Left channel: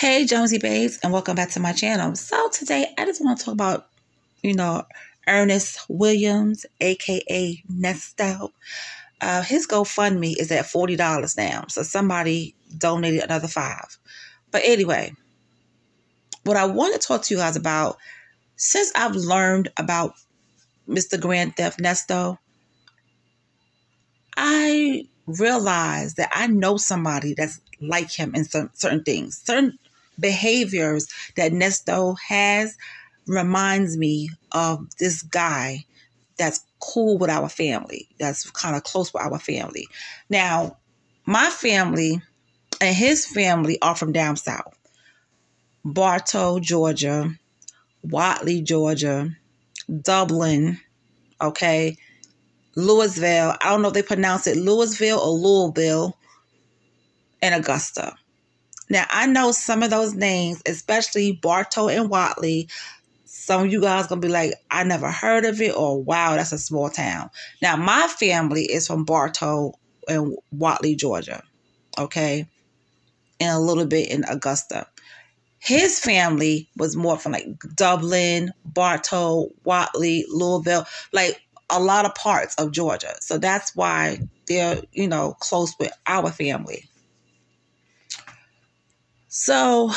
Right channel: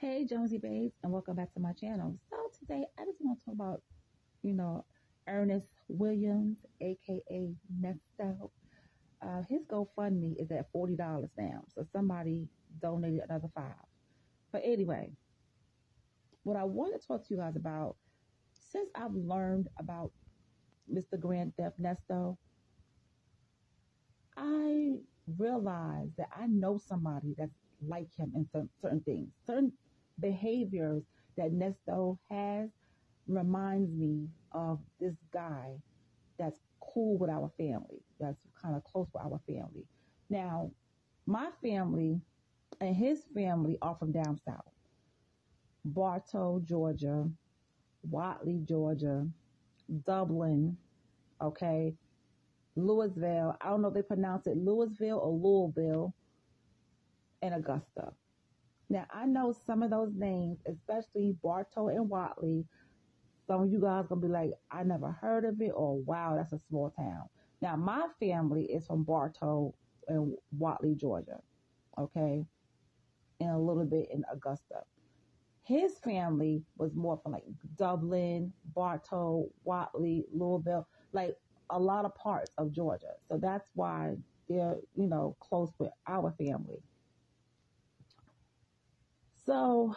Hey Jonesy babes, and welcome back to my channel. So today I just want to talk about, Ernest Williams, aka Nesto. His GoFundMe is at $40 now. So somebody donated another $5. But anyway, what I want to talk to you guys about, since I've learned about Mr. Grand Theft Nesto, I realized that I know somebody that's like him in certain things. Certain behaviors that Nesto has reminds me of this guy that's cool with our family, that's kind of close with our family. Now, my family and his family are from down south. Bartow, Georgia, Watley, Georgia, Dublin, okay, Louisville. I don't know if they pronounce it Louisville or Louisville, and Augusta. Now, I know some of those names, especially Bartow and Watley, some of you guys going to be like, I never heard of it, or wow, that's a small town. Now, my family is from Bartow and Watley, Georgia, okay, and a little bit in Augusta. His family was more from like Dublin, Bartow, Watley, Louisville, like a lot of parts of Georgia. So that's why they're, close with our family. So,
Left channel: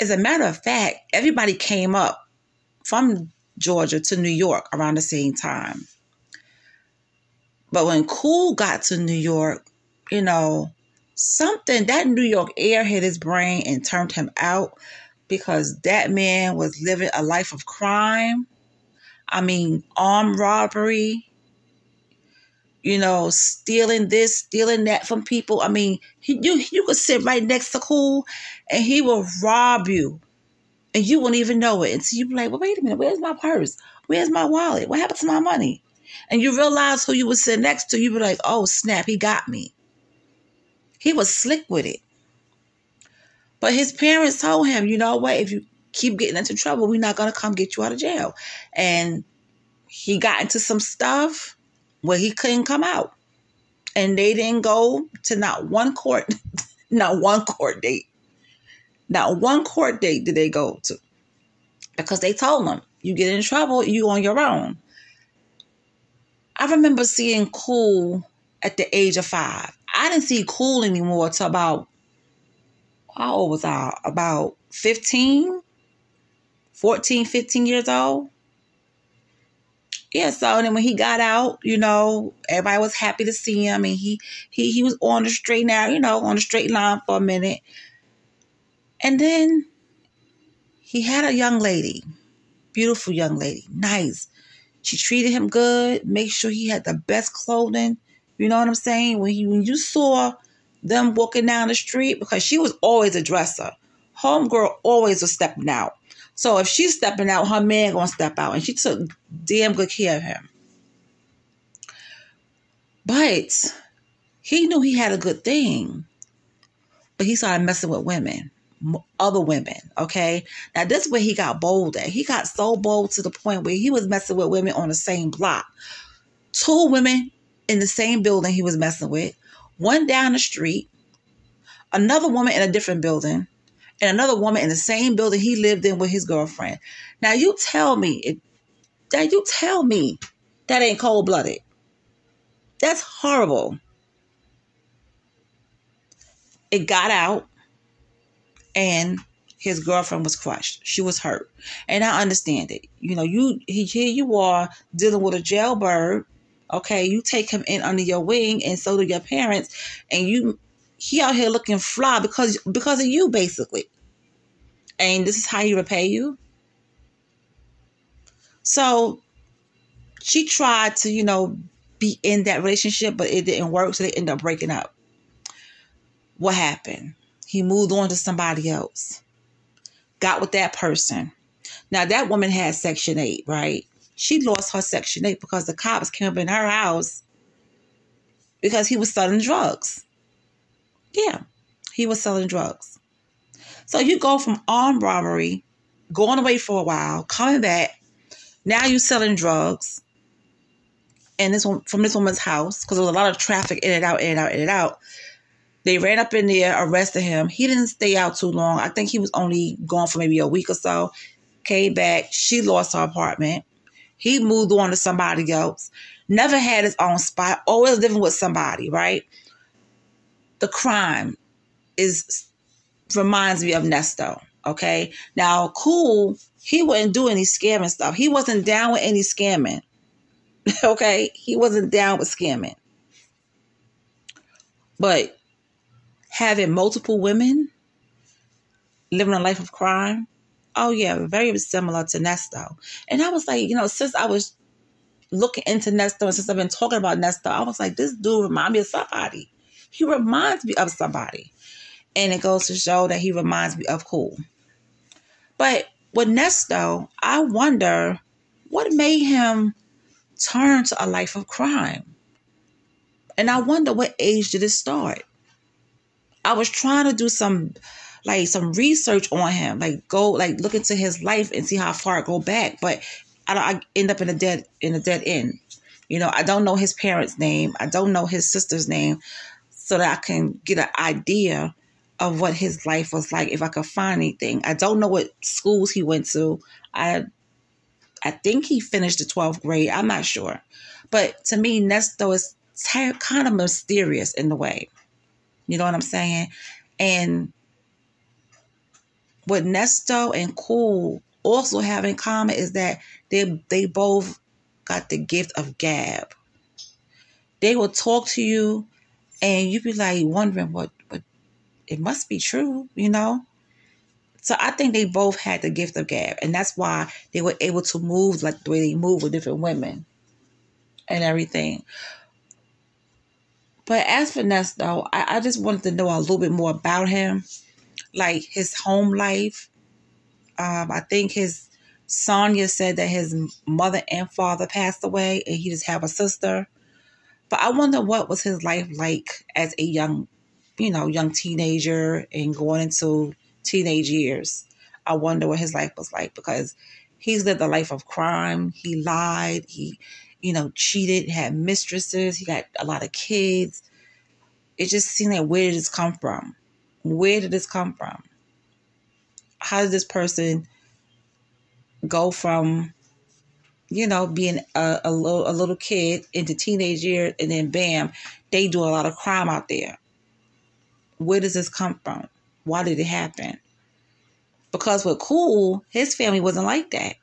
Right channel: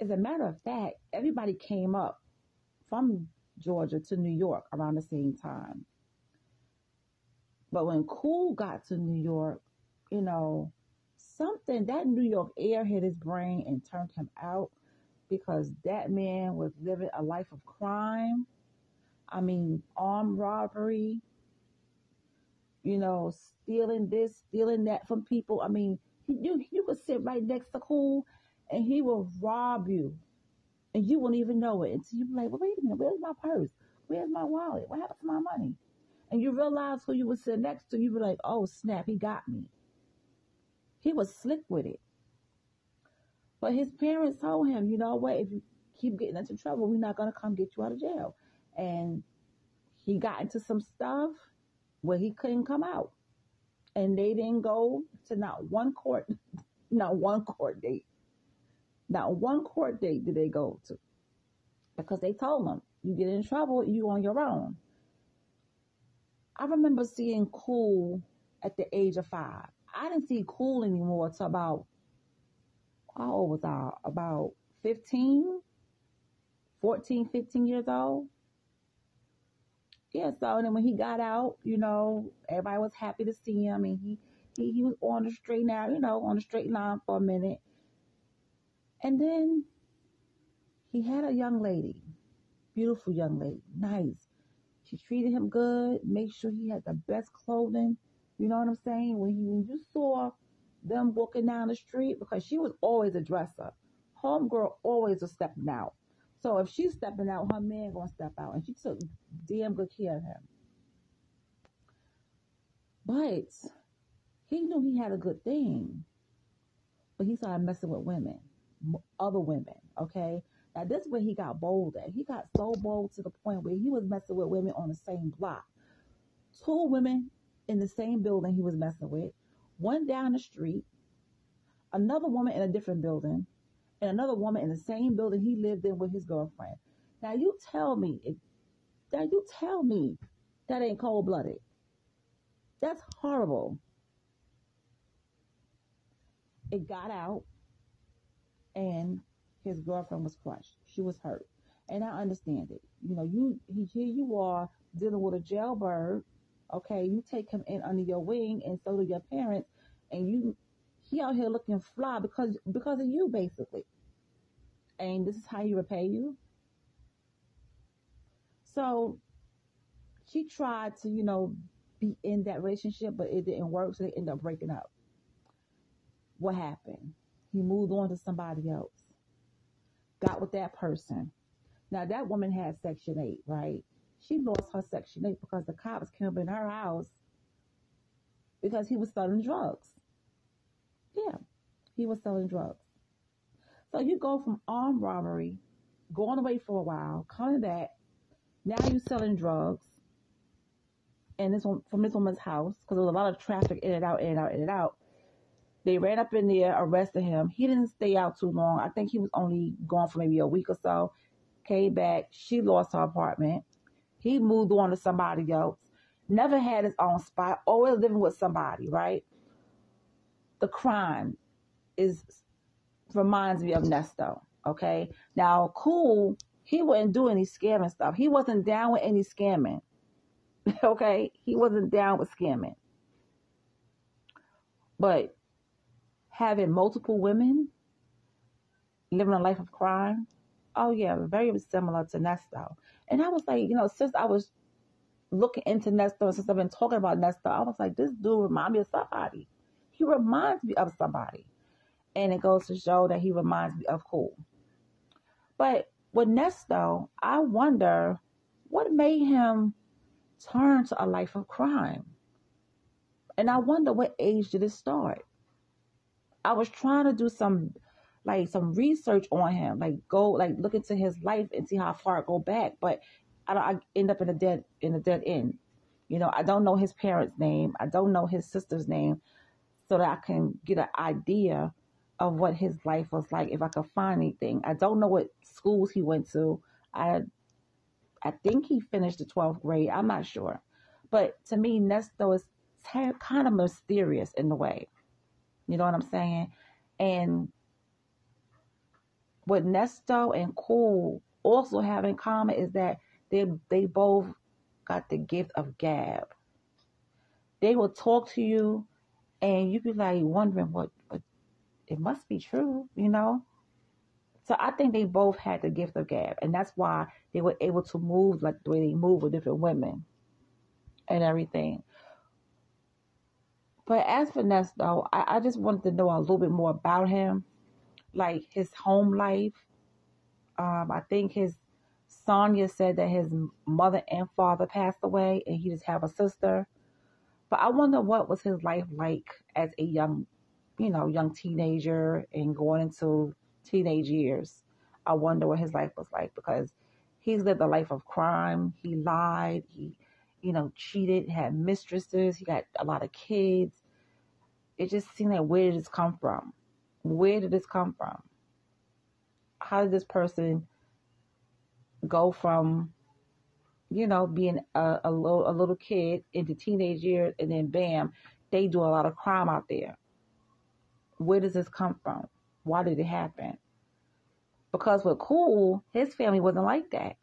as a matter of fact, everybody came up from Georgia to New York around the same time. But when Cool got to New York, that New York air hit his brain and turned him out, because that man was living a life of crime. I mean, armed robbery, stealing this, stealing that from people. I mean, you could sit right next to Cool and he will rob you and you wouldn't even know it. And so you'd be like, well, wait a minute, where's my purse? Where's my wallet? What happened to my money? And you realize who you would sit next to. You be like, oh, snap, he got me. He was slick with it. But his parents told him, you know what, if you keep getting into trouble, we're not going to come get you out of jail. And he got into some stuff where he couldn't come out. And they didn't go to not one court date. Not one court date did they go to. Because they told him, you get in trouble, you on your own. I remember seeing Cool at the age of 5. I didn't see Cool anymore till about, how old was I? About 14, 15 years old. Yeah, so then when he got out, everybody was happy to see him, and he was on the straight on the straight line for a minute. And then he had a young lady, beautiful young lady, nice. She treated him good, make sure he had the best clothing. You know what I'm saying? When you saw them walking down the street, because she was always a dresser. Homegirl always was stepping out. So if she's stepping out, her man gonna step out. And she took damn good care of him. But he knew he had a good thing. But he started messing with women. Other women, okay? Now, this is where he got bold at. He got so bold to the point where he was messing with women on the same block. 2 women in the same building he was messing with. One down the street. Another woman in a different building. And another woman in the same building he lived in with his girlfriend. Now, you tell me that ain't cold-blooded. That's horrible. It got out, and his girlfriend was crushed. She was hurt. And I understand it. Here you are dealing with a jailbird. Okay, you take him in under your wing, and so do your parents, and he out here looking fly because of you, basically. And this is how he repay you. So she tried to, be in that relationship, but it didn't work. So they ended up breaking up. What happened? He moved on to somebody else. Got with that person. Now, that woman had Section 8, right? She lost her Section 8 because the cops came up in her house because he was selling drugs. Yeah, he was selling drugs. So you go from armed robbery, going away for a while, coming back. Now you're selling drugs. And from this woman's house, because there was a lot of traffic in and out. They ran up in there, arrested him. He didn't stay out too long. I think he was only gone for maybe a week or so. Came back. She lost her apartment. He moved on to somebody else. Never had his own spot. Always living with somebody, right? The crime reminds me of Nesto, okay? Now, Cool, he wouldn't do any scamming stuff. He wasn't down with any scamming, okay? He wasn't down with scamming. But having multiple women, living a life of crime, oh yeah, very similar to Nesto. And I was like, since I was looking into Nesto and since I've been talking about Nesto, I was like, this dude reminds me of somebody. He reminds me of somebody. And it goes to show that he reminds me of Cool. But with Nesto, I wonder what made him turn to a life of crime. And I wonder what age did it start. I was trying to do some research on him, look into his life and see how far it go back. But I end up in a dead end. I don't know his parents' name. I don't know his sister's name, so that I can get an idea of what his life was like if I could find anything. I don't know what schools he went to. I think he finished the 12th grade. I'm not sure. But to me, Nesto is kind of mysterious in the way. You know what I'm saying? And what Nesto and Cool also have in common is that they both got the gift of gab. They will talk to you and you be like wondering what it must be true, So I think they both had the gift of gab, and that's why they were able to move like the way they move with different women and everything. But as for Nesto, I just wanted to know a little bit more about him, like his home life. I think Sonia said that his mother and father passed away, and he just have a sister. But I wonder what was his life like as a young teenager and going into teenage years. I wonder what his life was like, because he's lived a life of crime. He lied. He, cheated, had mistresses. He got a lot of kids. It just seemed like, where did this come from? Where did this come from? How did this person go from, being a little kid into teenage years, and then bam, they do a lot of crime out there? Where does this come from? Why did it happen? Because with Cool, his family wasn't like that.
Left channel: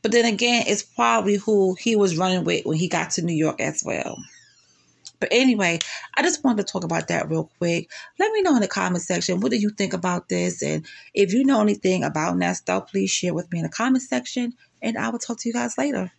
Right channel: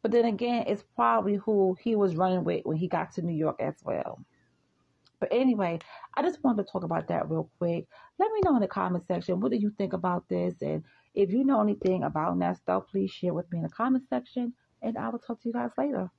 But then again, it's probably who he was running with when he got to New York as well. But anyway, I just wanted to talk about that real quick. Let me know in the comment section, what do you think about this? And if you know anything about Nesto, please share with me in the comment section. And I will talk to you guys later.